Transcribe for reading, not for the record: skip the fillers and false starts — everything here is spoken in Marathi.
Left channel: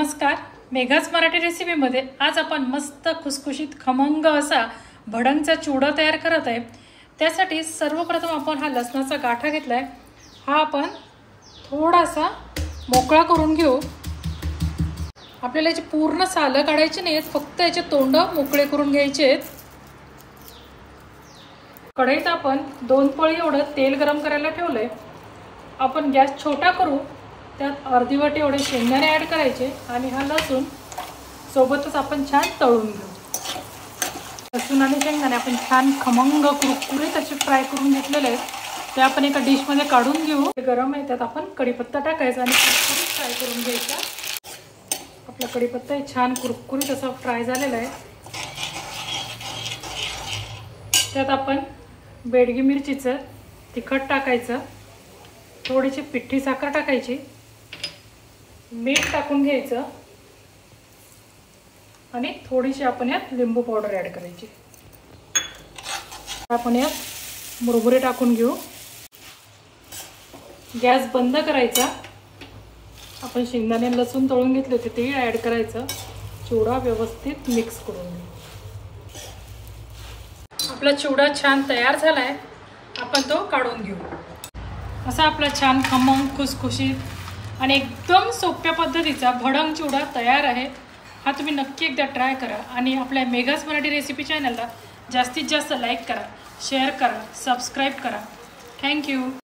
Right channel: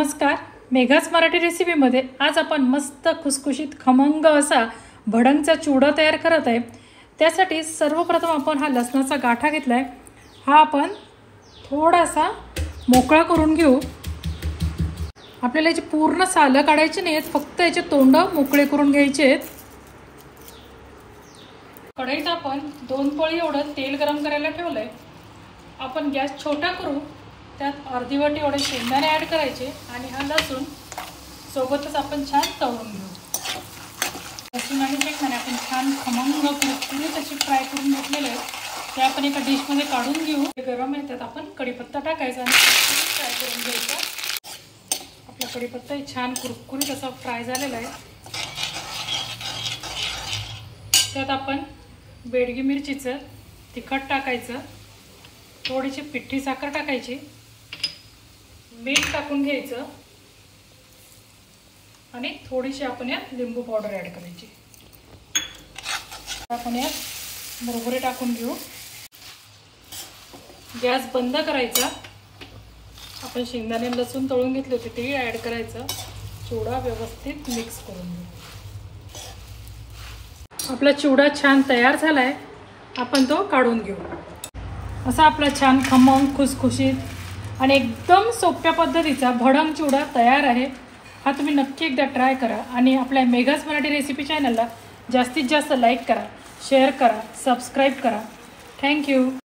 नमस्कार, मेघाच मराठी रेसिपीमध्ये आज आपण मस्त खुसखुशीत खमंग असा भडंगचा चिवडा तयार करत आहे। त्यासाठी सर्वप्रथम आपण हा लसणाचा गाठा घेतलाय। हा आपण थोडासा मोकळा करून घेऊ। आपल्याला याची पूर्ण सालं काढायची नाहीत, फक्त याचे तोंड मोकळे करून घ्यायचे आहेत। कढईत आपण 2 पळी एवढं तेल गरम करायला ठेवलंय। आपण गॅस छोटा करू, त्यात अर्धी वाटी एवढे शेंगदाणे ऍड करायचे आणि हा लसूण सोबतच आपण छान तळून घेऊ। लसूण आणि शेंगदाणे आपण छान खमंग कुरकुरीत असे फ्राय करून घेतलेले आहे। ते आपण एका डिश मध्ये काढून घेऊ। ते गरम आहे, त्यात आपण कढीपत्ता टाकायचा आणि कुरकुरीत फ्राय करून घ्यायचा। आपला कढीपत्ता छान कुरकुरीत असा फ्राय झालेला आहे। त्यात आपण बेडगी मिरचीचं तिखट टाकायचं, थोडीशी पिठी साखर टाकायची, मीठ टाकून घ्यायचं आणि थोडीशी आपण यात लिंबू पावडर ऍड करायची। आपण यात मुरमुरे टाकून घेऊ। गॅस बंद करायचा। आपण शेंगदाणे लसूण तळून घेतले होते ते ऍड करायचं। चिवडा व्यवस्थित मिक्स करून घेऊ। आपला चिवडा छान तयार झालाय, आपण तो काढून घेऊ। असा आपला छान खमंग खुसखुशीत आणि एकदम सोप्या पद्धतीचा भडंग चिवडा तयार आहे। हा तुम्ही नक्की एकदा ट्राय करा आणि आपल्या मेघाच मराठी रेसिपी चॅनलला जास्तीत जास्त लाईक करा, शेअर करा, सबस्क्राइब करा। थँक्यू।